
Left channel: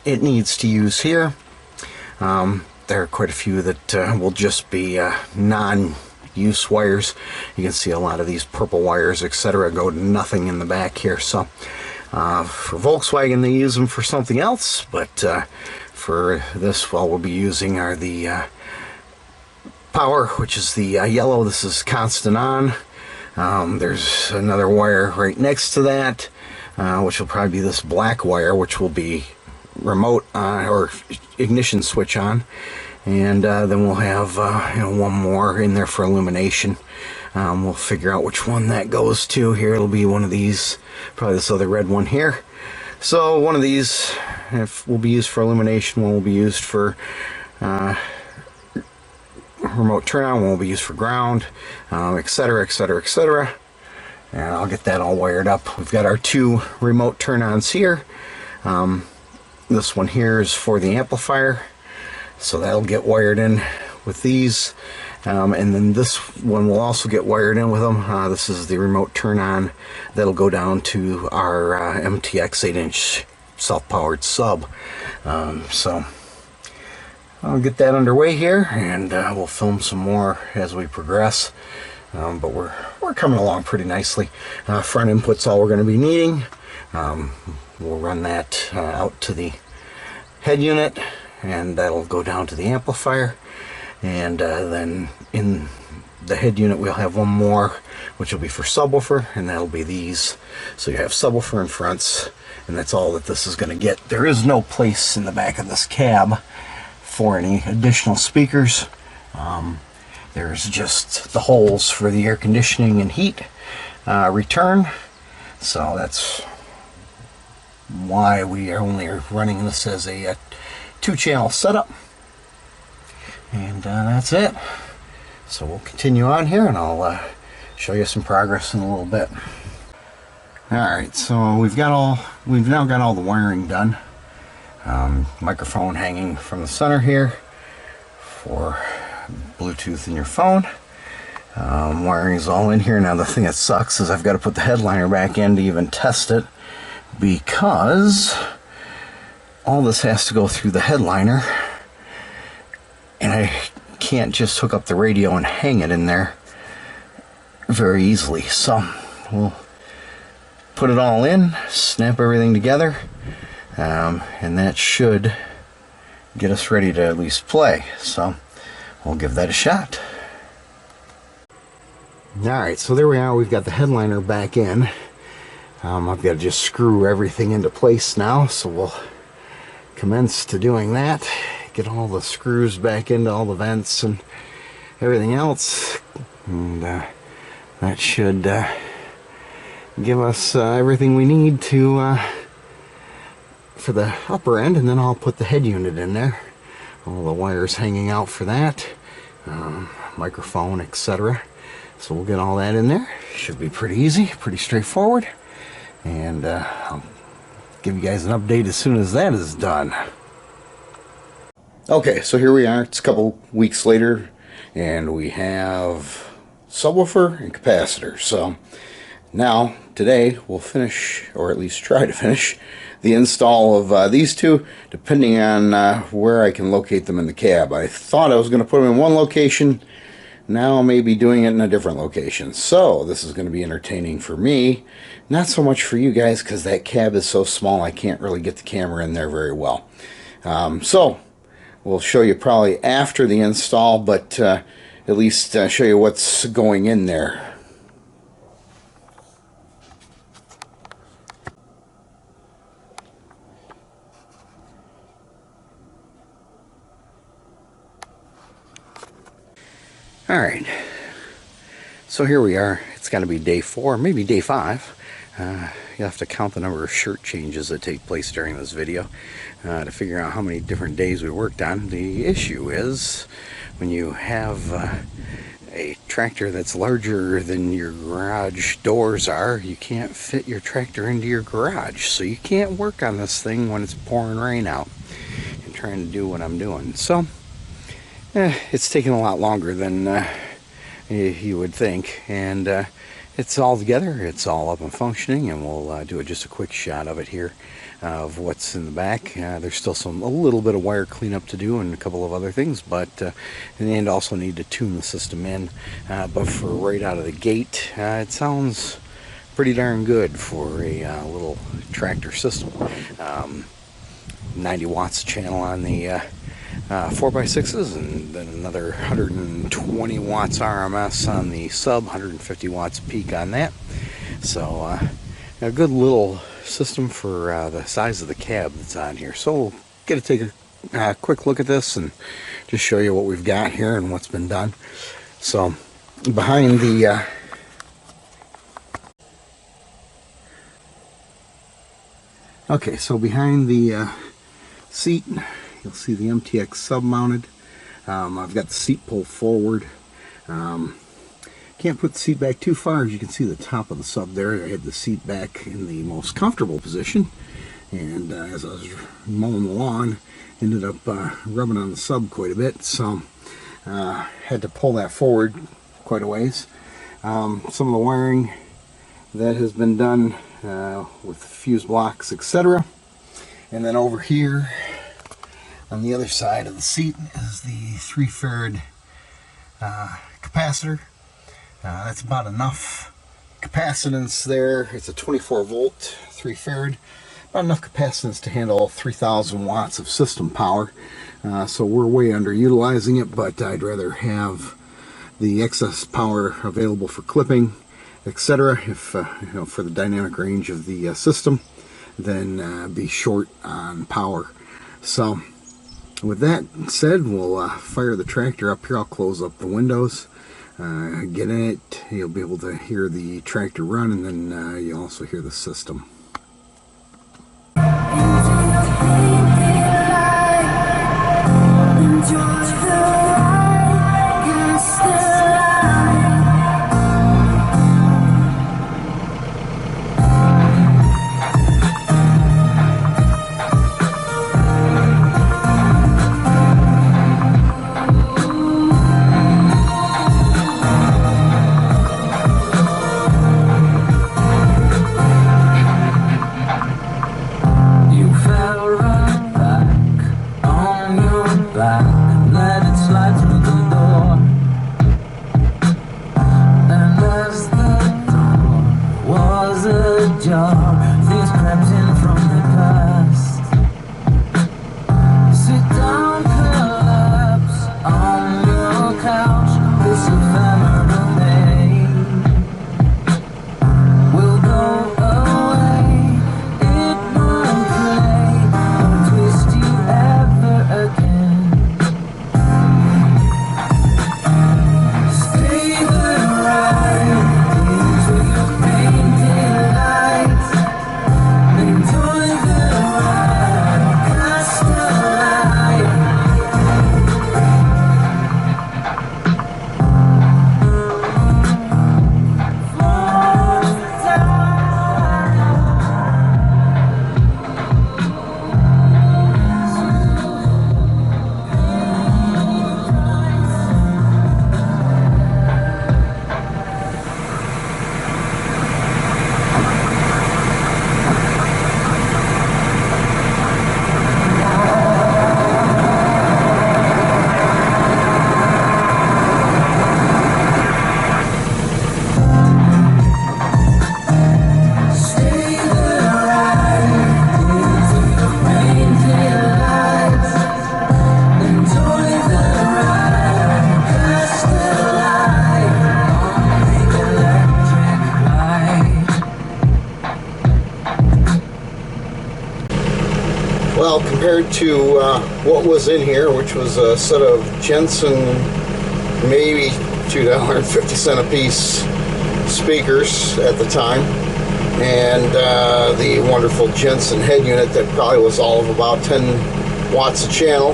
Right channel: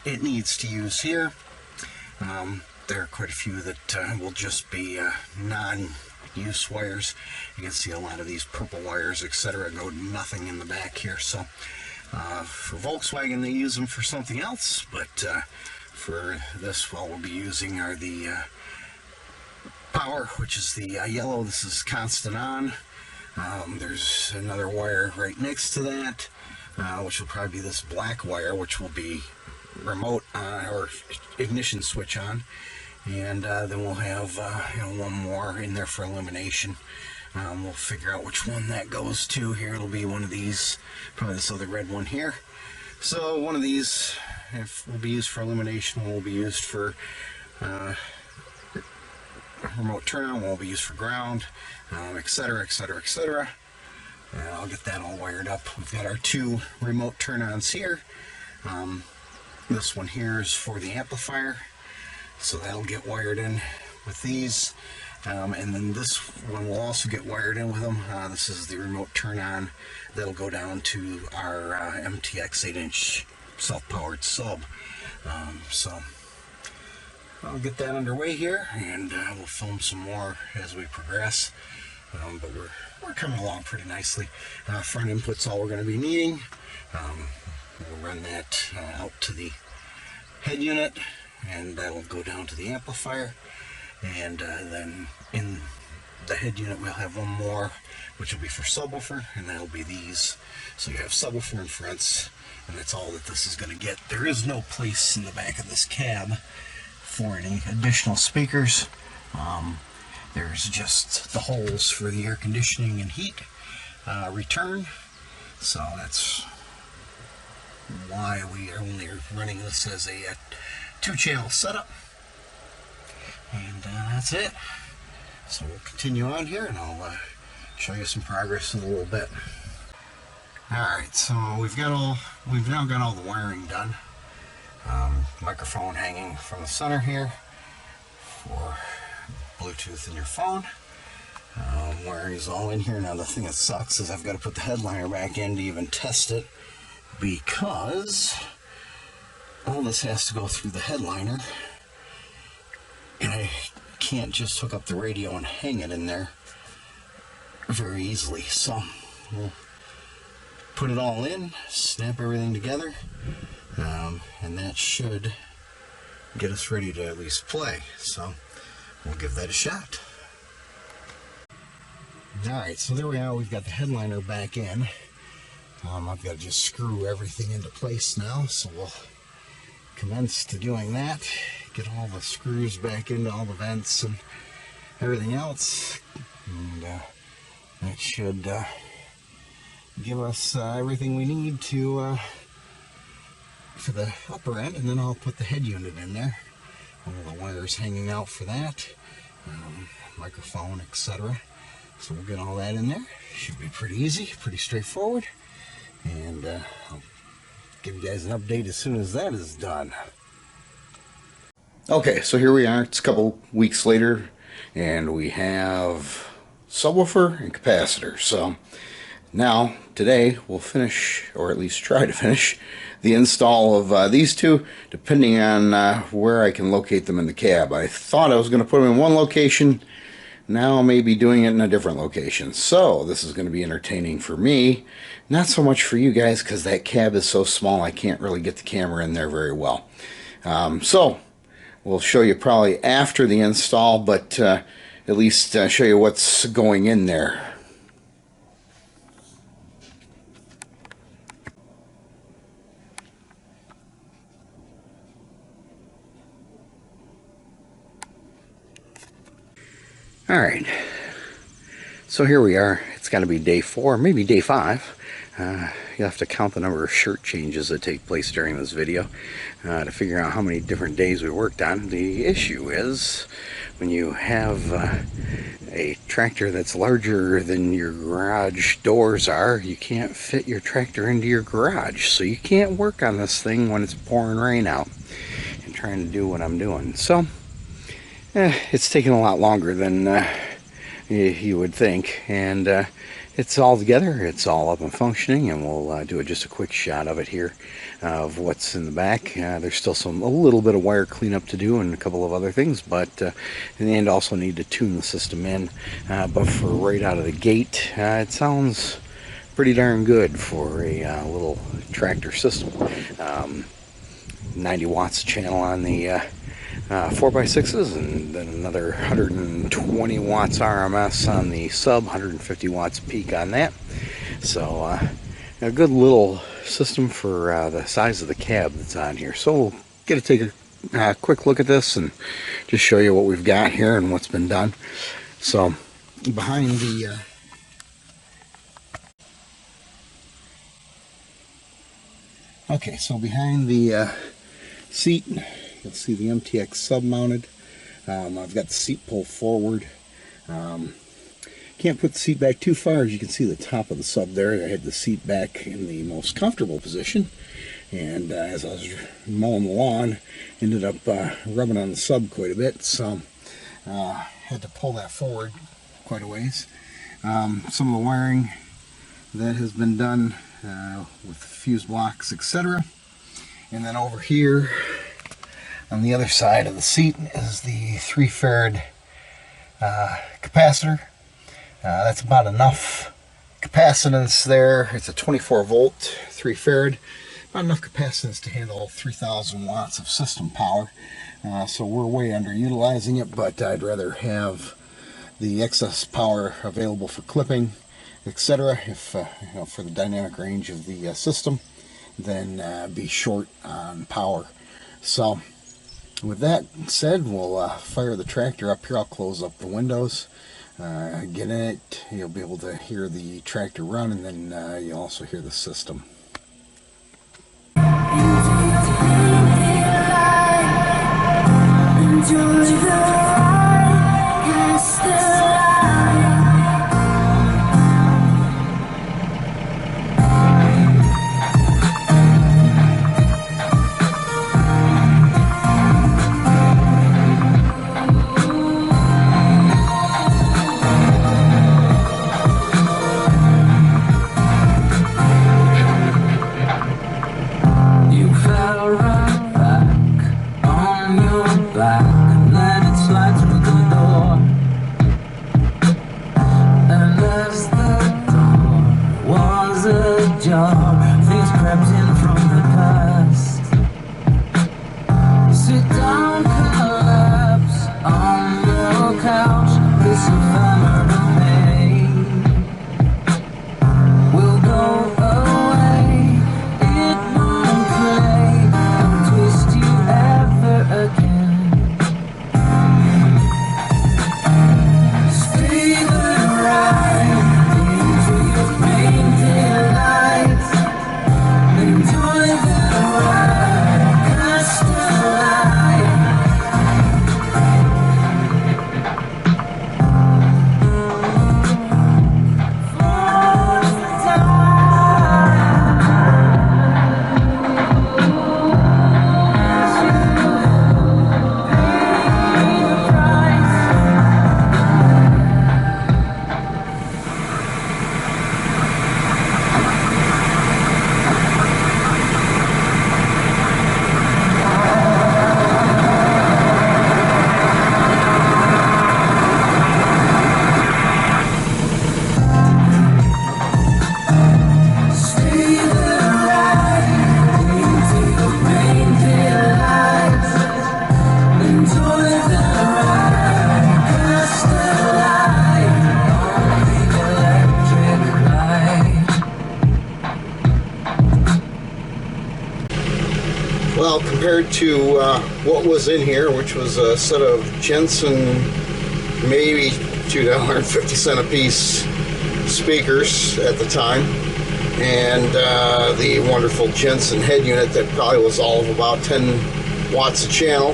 it needs to use here. There are quite a few that will just be non-use wires. You can see a lot of these purple wires, etc., go to nothing in the back here. So for Volkswagen, they use them for something else, but for this, well, we'll be using are the power, which is the yellow. This is constant on. There's another wire right next to that, which will probably be this black wire, which will be remote or ignition switch on, and then we'll have one more in there for illumination. We'll figure out which one that goes to here. It'll be one of these, probably this other red one here. So one of these will be used for illumination, one will be used for remote turn on, one will be used for ground, etc, etc, etc. And I'll get that all wired up. We've got our 2 remote turn-ons here. This one here is for the amplifier, so that'll get wired in with these. And then this one will also get wired in with them. This is the remote turn-on that'll go down to our MTX 8-inch self-powered sub. So I'll get that underway here, and we'll film some more as we progress. But we're coming along pretty nicely. Front input's all we're going to be needing. We'll run that out to the head unit, and that'll go down to the amplifier. And then in the head unit we'll have one more, which will be for subwoofer, and that'll be these. So you have subwoofer and fronts, and that's all that this is going to get. There is no place in the back of this cab for any additional speakers. There's just the holes for the air conditioning and heat return. So that's why we are only running this as a 2-channel setup. And that's it. So we'll continue on here, and I'll show you some progress in a little bit. Alright, so we've now got all the wiring done. Microphone hanging from the center here for Bluetooth in your phone. Wiring is all in here. Now the thing that sucks is I've got to put the headliner back in to even test it, because all this has to go through the headliner, and I can't just hook up the radio and hang it in there very easily. So we'll put it all in, snap everything together, and that should get us ready to at least play. So we'll give that a shot. Alright, so there we are. We've got the headliner back in. I've got to just screw everything into place now, so we'll commence to doing that. Get all the screws back into all the vents and everything else, and that should give us everything we need to for the upper end, and then I'll put the head unit in there. All the wires hanging out for that, microphone, etc. So we'll get all that in there. Should be pretty easy, pretty straightforward, and I'll give you guys an update as soon as that is done. Okay, so here we are. It's a couple weeks later, and we have subwoofer and capacitor. So now, today, we'll finish, or at least try to finish, the install of these two, depending on where I can locate them in the cab. I thought I was going to put them in one location. Now I may be doing it in a different location. So this is going to be entertaining for me, not so much for you guys, because that cab is so small I can't really get the camera in there very well. So we'll show you probably after the install, but at least show you what's going in there. Alright, so here we are. It's got to be day 4, maybe day 5. You'll have to count the number of shirt changes that take place during this video to figure out how many different days we worked on. The issue is when you have a tractor that's larger than your garage doors are, you can't fit your tractor into your garage, so you can't work on this thing when it's pouring rain out and trying to do what I'm doing. So it's taking a lot longer than you would think, and it's all together, it's all up and functioning, and we'll do just a quick shot of it here of what's in the back. There's still a little bit of wire cleanup to do and a couple of other things, but in the end also need to tune the system in, but for right out of the gate, it sounds pretty darn good for a little tractor system. 90 watts channel on the 4x6s, and then another 120 watts RMS on the sub, 150 watts peak on that. So a good little system for the size of the cab that's on here. So we'll get to take a quick look at this and just show you what we've got here and what's been done. So behind the behind the seat, you'll see the MTX sub mounted. I've got the seat pulled forward. Can't put the seat back too far. As you can see the top of the sub there, I had the seat back in the most comfortable position, and as I was mowing the lawn, ended up rubbing on the sub quite a bit, so had to pull that forward quite a ways. Some of the wiring that has been done with fuse blocks, etc. And then over here on the other side of the seat is the 3 farad capacitor. That's about enough capacitance there. It's a 24 volt 3 farad, about enough capacitance to handle 3,000 watts of system power. So we're way underutilizing it, but I'd rather have the excess power available for clipping, etc., if for the dynamic range of the system, than be short on power. So with that said, we'll fire the tractor up here. I'll close up the windows, get in it. You'll be able to hear the tractor run, and then you'll also hear the system. Things crept in from the past. Sit down, collapse on your couch. This ephemeral day will go away. It won't play, won't twist you ever again. Stay the ride into your painted lights. Enjoy the ride, cast a light. For the time stay the ride into your painted lights. Enjoy the ride, cast a light on the electric light. Well, compared to what was in here, which was a set of Jensen maybe $2.50 a piece speakers at the time, and the wonderful Jensen head unit that probably was all of about 10 watts a channel.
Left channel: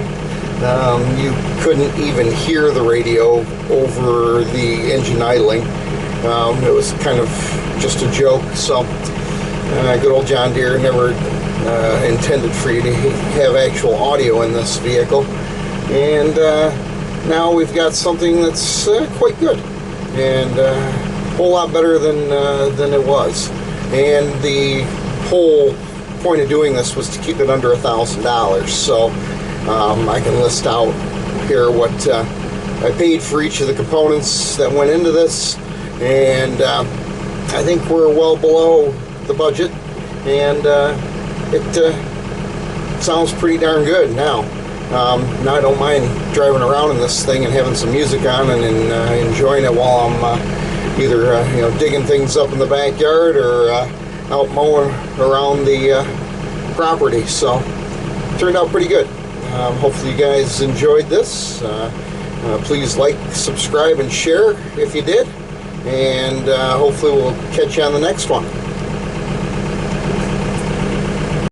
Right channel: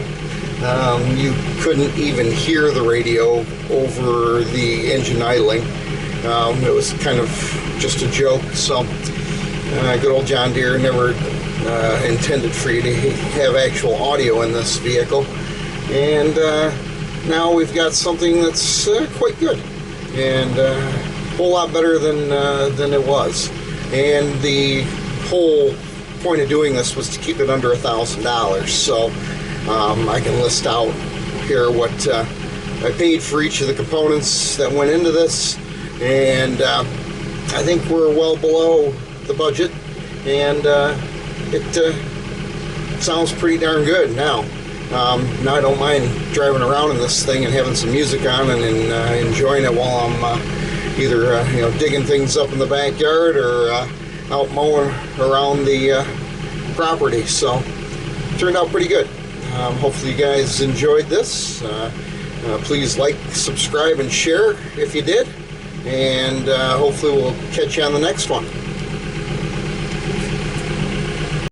You couldn't even hear the radio over the engine idling. It was kind of just a joke. So good old John Deere never intended for you to have actual audio in this vehicle, and now we've got something that's quite good and a whole lot better than it was. And the whole point of doing this was to keep it under $1,000. So I can list out here what I paid for each of the components that went into this, and I think we're well below the budget, and it sounds pretty darn good now. Now I don't mind driving around in this thing and having some music on and enjoying it while I'm either digging things up in the backyard or out mowing around the property. So it turned out pretty good. Hopefully you guys enjoyed this. Please like, subscribe, and share if you did, and hopefully we'll catch you on the next one.